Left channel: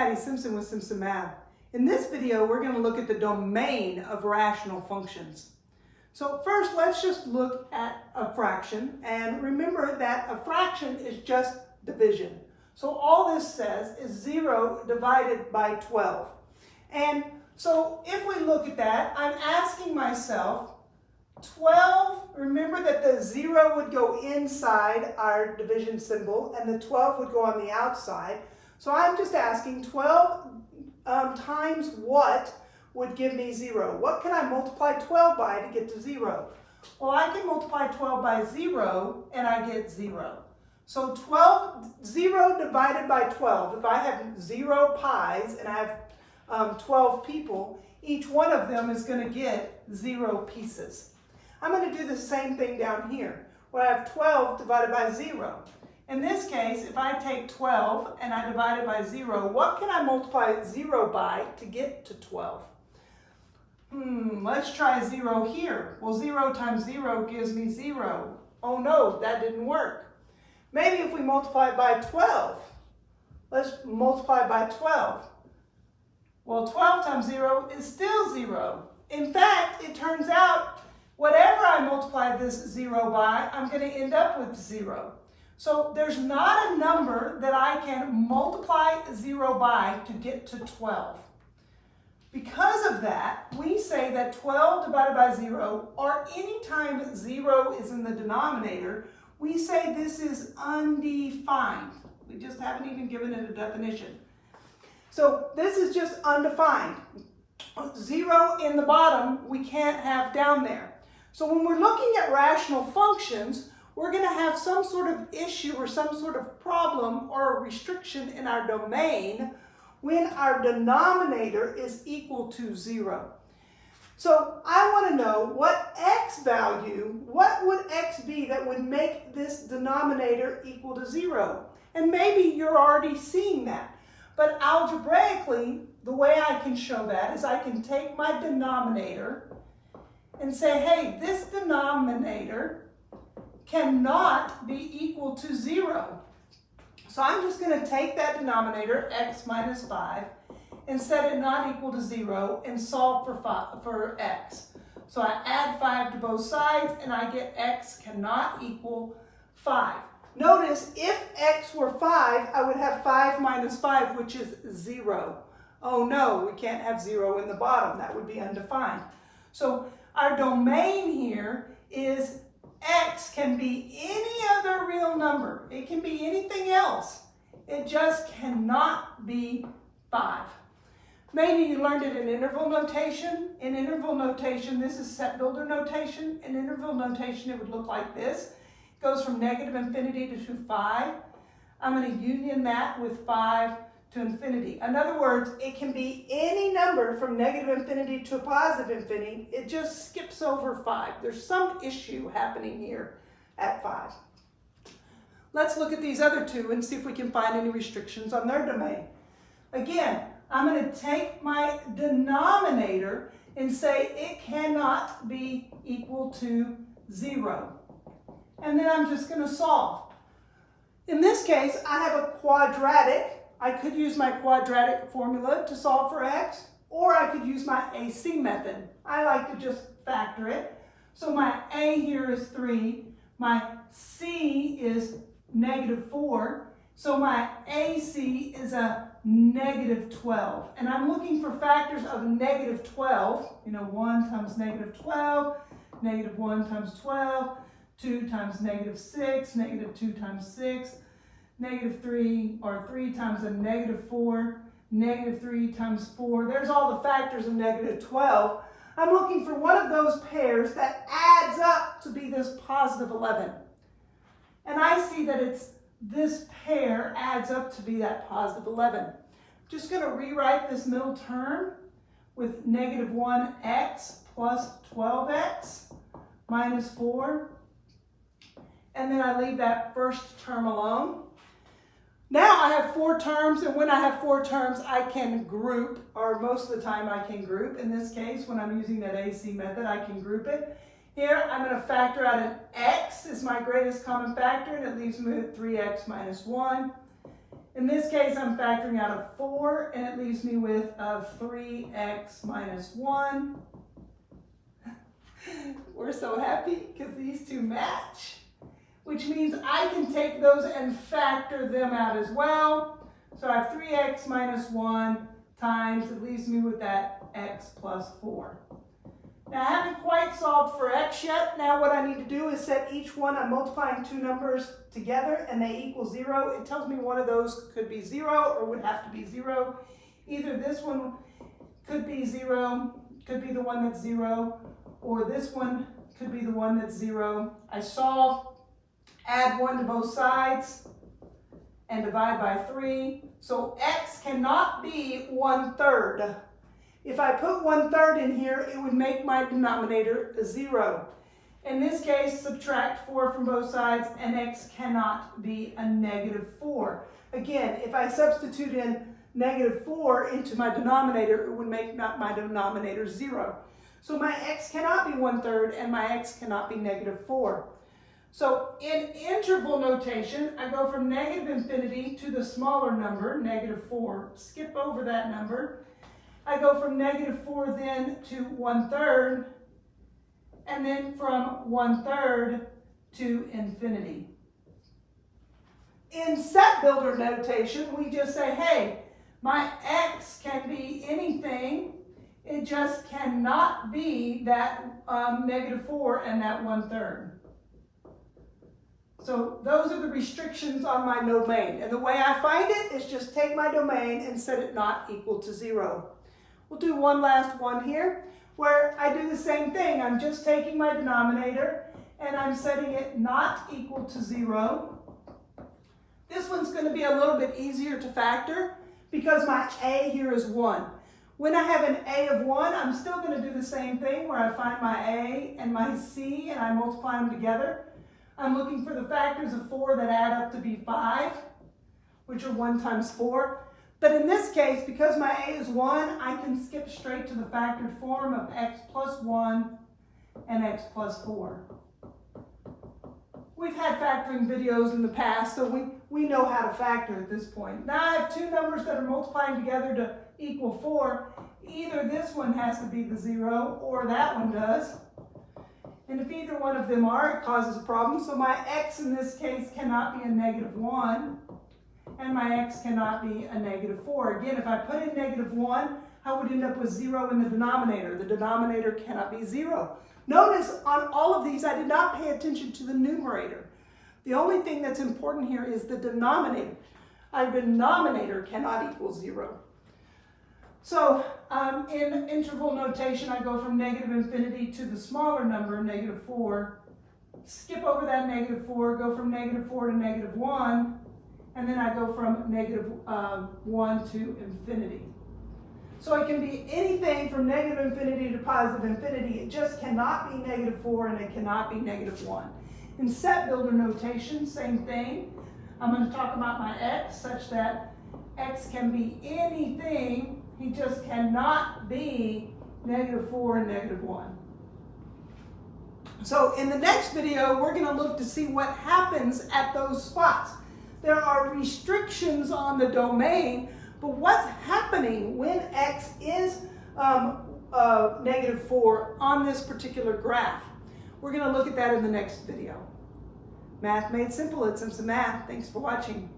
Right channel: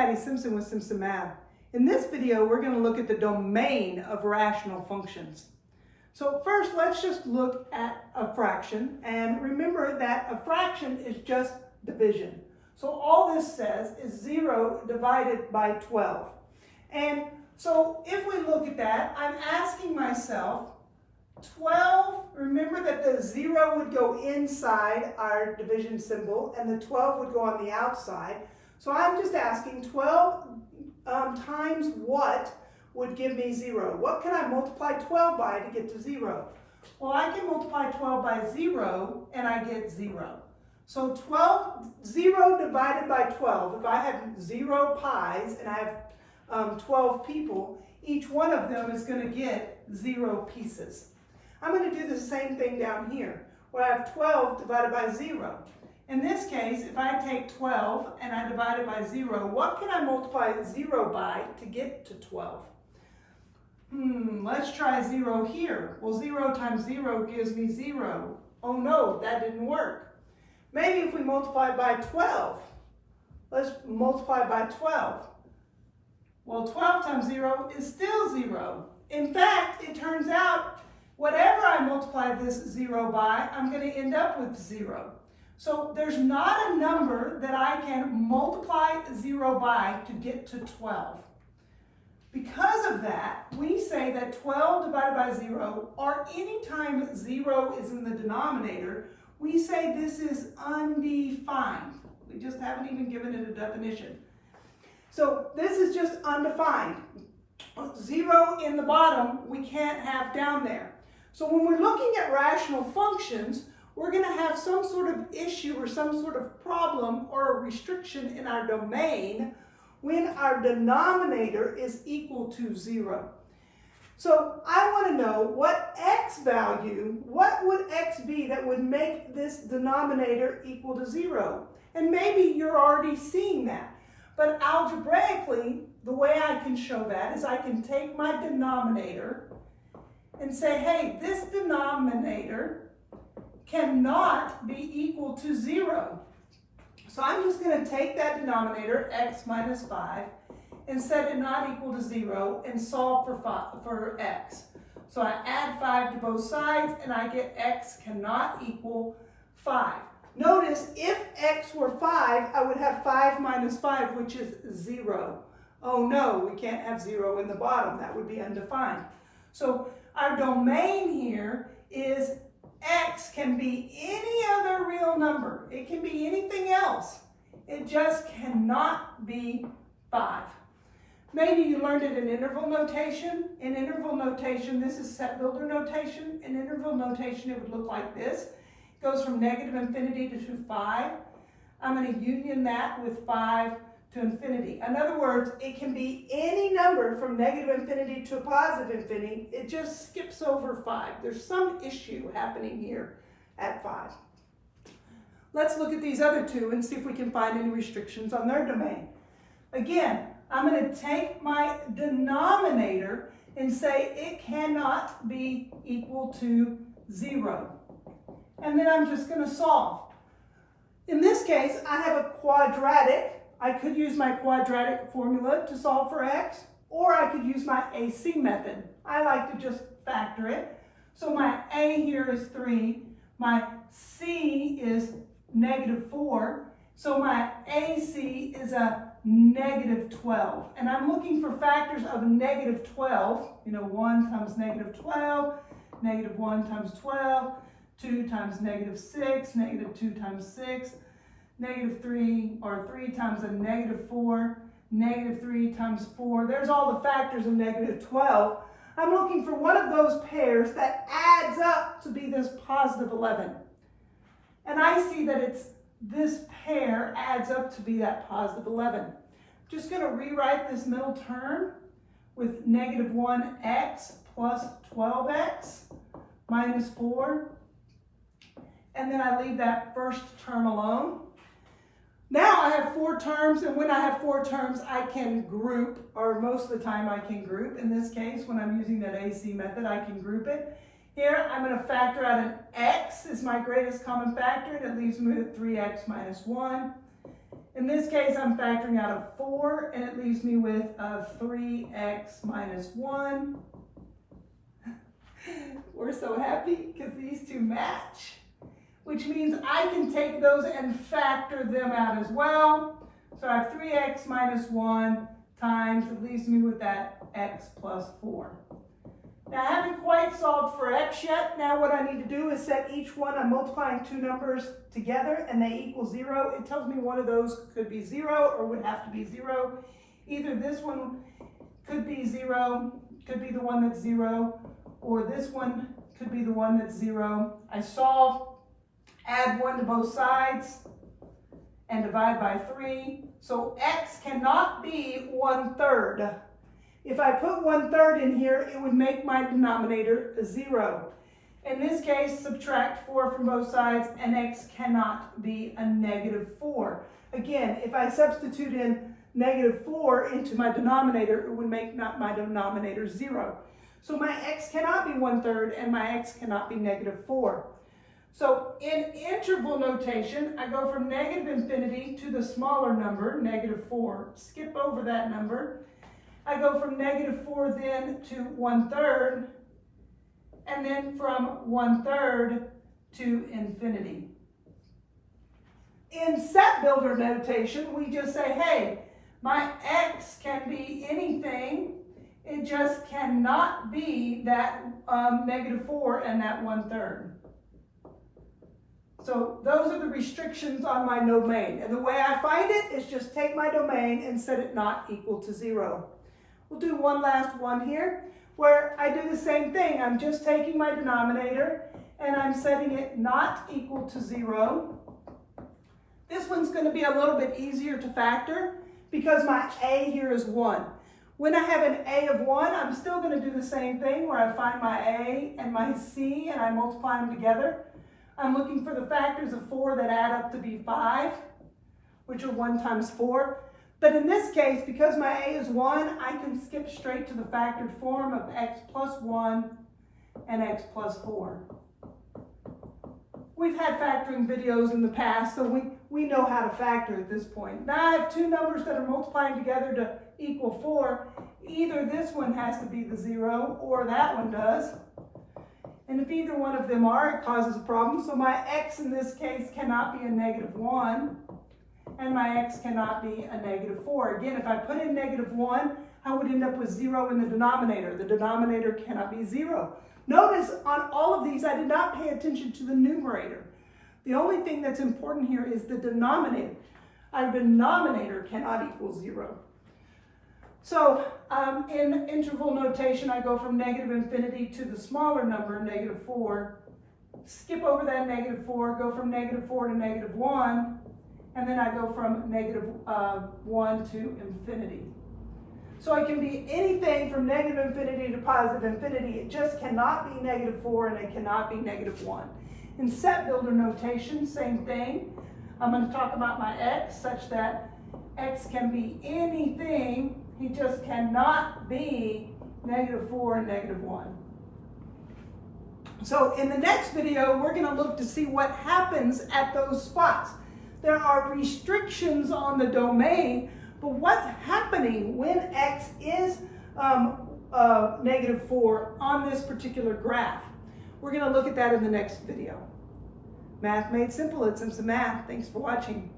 Patty Simpson with Simpson Math. In this video, we're going to look at the domain of rational functions. So first, let's just look at a fraction, and remember that a fraction is just division. So all this says is 0 divided by 12. And so if we look at that, I'm asking myself, 12, remember that the 0 would go inside our division symbol and the 12 would go on the outside. So I'm just asking 12 times what would give me 0? What can I multiply 12 by to get to 0? Well, I can multiply 12 by 0 and I get 0. So 0 divided by 12, if I have 0 pies and I have 12 people, each one of them is going to get 0 pieces. I'm going to do the same thing down here, where I have 12 divided by 0. In this case, if I take 12 and I divide it by 0, what can I multiply 0 by to get to 12? Let's try 0 here. Well, 0 times 0 gives me 0. Oh no, that didn't work. Maybe if we multiply it by 12. Let's multiply by 12. Well, 12 times 0 is still 0. In fact, it turns out whatever I multiply this 0 by, I'm going to end up with 0. So there's not a number that I can multiply 0 by to get to 12. Because of that, we say that 12 divided by 0, or any time 0 is in the denominator, we say this is undefined. We just haven't even given it a definition. So this is just undefined. 0 in the bottom, we can't have down there. So when we're looking at rational functions, we're going to have some sort of issue or some sort of problem or a restriction in our domain when our denominator is equal to 0. So I want to know what x value, what would x be that would make this denominator equal to 0? And maybe you're already seeing that. But algebraically, the way I can show that is I can take my denominator and say, hey, this denominator cannot be equal to 0. So I'm just going to take that denominator, x minus 5, and set it not equal to 0 and solve for x. So I add 5 to both sides and I get x cannot equal 5. Notice if x were 5, I would have 5 minus 5, which is 0. Oh no, we can't have 0 in the bottom. That would be undefined. So our domain here is x can be any other real number. It can be anything else. It just cannot be 5. Maybe you learned it in interval notation. In interval notation, this is set builder notation. In interval notation, it would look like this. It goes from negative infinity to 5. I'm going to union that with 5 to infinity. In other words, it can be any number from negative infinity to positive infinity. It just skips over 5. There's some issue happening here at 5. Let's look at these other two and see if we can find any restrictions on their domain. Again, I'm going to take my denominator and say it cannot be equal to 0. And then I'm just going to solve. In this case, I have a quadratic. I could use my quadratic formula to solve for x, or I could use my AC method. I like to just factor it. So my A here is 3, my C is negative 4, so my AC is a negative 12. And I'm looking for factors of negative 12, 1 times negative 12, negative 1 times 12, 2 times negative 6, negative 2 times 6, negative 3, or 3 times a negative 4, negative 3 times 4. There's all the factors of negative 12. I'm looking for one of those pairs that adds up to be this positive 11. And I see that this pair adds up to be that positive 11. I'm just going to rewrite this middle term with negative 1x plus 12x minus 4. And then I leave that first term alone. Now I have 4 terms, and when I have 4 terms, I can group, or most of the time I can group. In this case, when I'm using that AC method, I can group it. Here, I'm going to factor out an x is my greatest common factor, and it leaves me with 3x minus 1. In this case, I'm factoring out a 4, and it leaves me with a 3x minus 1. We're so happy because these two match, which means I can take those and factor them out as well. So I have 3x minus 1 times, it leaves me with that x plus 4. Now, I haven't quite solved for x yet. Now what I need to do is set each one. I'm multiplying two numbers together and they equal 0. It tells me one of those could be 0 or would have to be 0. Either this one could be 0, could be the one that's 0, or this one could be the one that's 0. I solve, add 1 to both sides, and divide by 3. So x cannot be 1/3. If I put 1/3 in here, it would make my denominator a 0. In this case, subtract 4 from both sides, and x cannot be a -4. Again, if I substitute in -4 into my denominator, it would make my denominator 0. So my x cannot be 1/3, and my x cannot be -4. So in interval notation, I go from -infinity to the smaller number, -4. Skip over that number. I go from -4 then to 1/3, and then from 1/3 to infinity. In set builder notation, we just say, hey, my x can be anything. It just cannot be that -4 and that 1/3. So those are the restrictions on my domain. And the way I find it is just take my domain and set it not equal to 0. We'll do one last one here where I do the same thing. I'm just taking my denominator and I'm setting it not equal to 0. This one's going to be a little bit easier to factor because my a here is 1. When I have an a of 1, I'm still going to do the same thing where I find my a and my c and I multiply them together. I'm looking for the factors of 4 that add up to be 5, which are 1 times 4. But in this case, because my a is 1, I can skip straight to the factored form of x plus 1 and x plus 4. We've had factoring videos in the past, so we know how to factor at this point. Now I have two numbers that are multiplying together to equal 4. Either this one has to be the 0 or that one does. And if either one of them are, it causes a problem. So my x in this case cannot be a -1, and my x cannot be a -4. Again, if I put in -1, I would end up with 0 in the denominator. The denominator cannot be 0. Notice on all of these, I did not pay attention to the numerator. The only thing that's important here is the denominator. Our denominator cannot equal 0. So in interval notation, I go from -infinity to the smaller number, -4, skip over that -4, go from -4 to -1, and then I go from -1 to infinity. So it can be anything from -infinity to positive infinity. It just cannot be -4 and it cannot be -1. In set builder notation, same thing. I'm going to talk about my x such that x can be anything. He just cannot be -4 and -1. So in the next video, we're going to look to see what happens at those spots. There are restrictions on the domain, but what's happening when x is -4 on this particular graph? We're going to look at that in the next video. Math Made Simple, it's Simpson Math. Thanks for watching.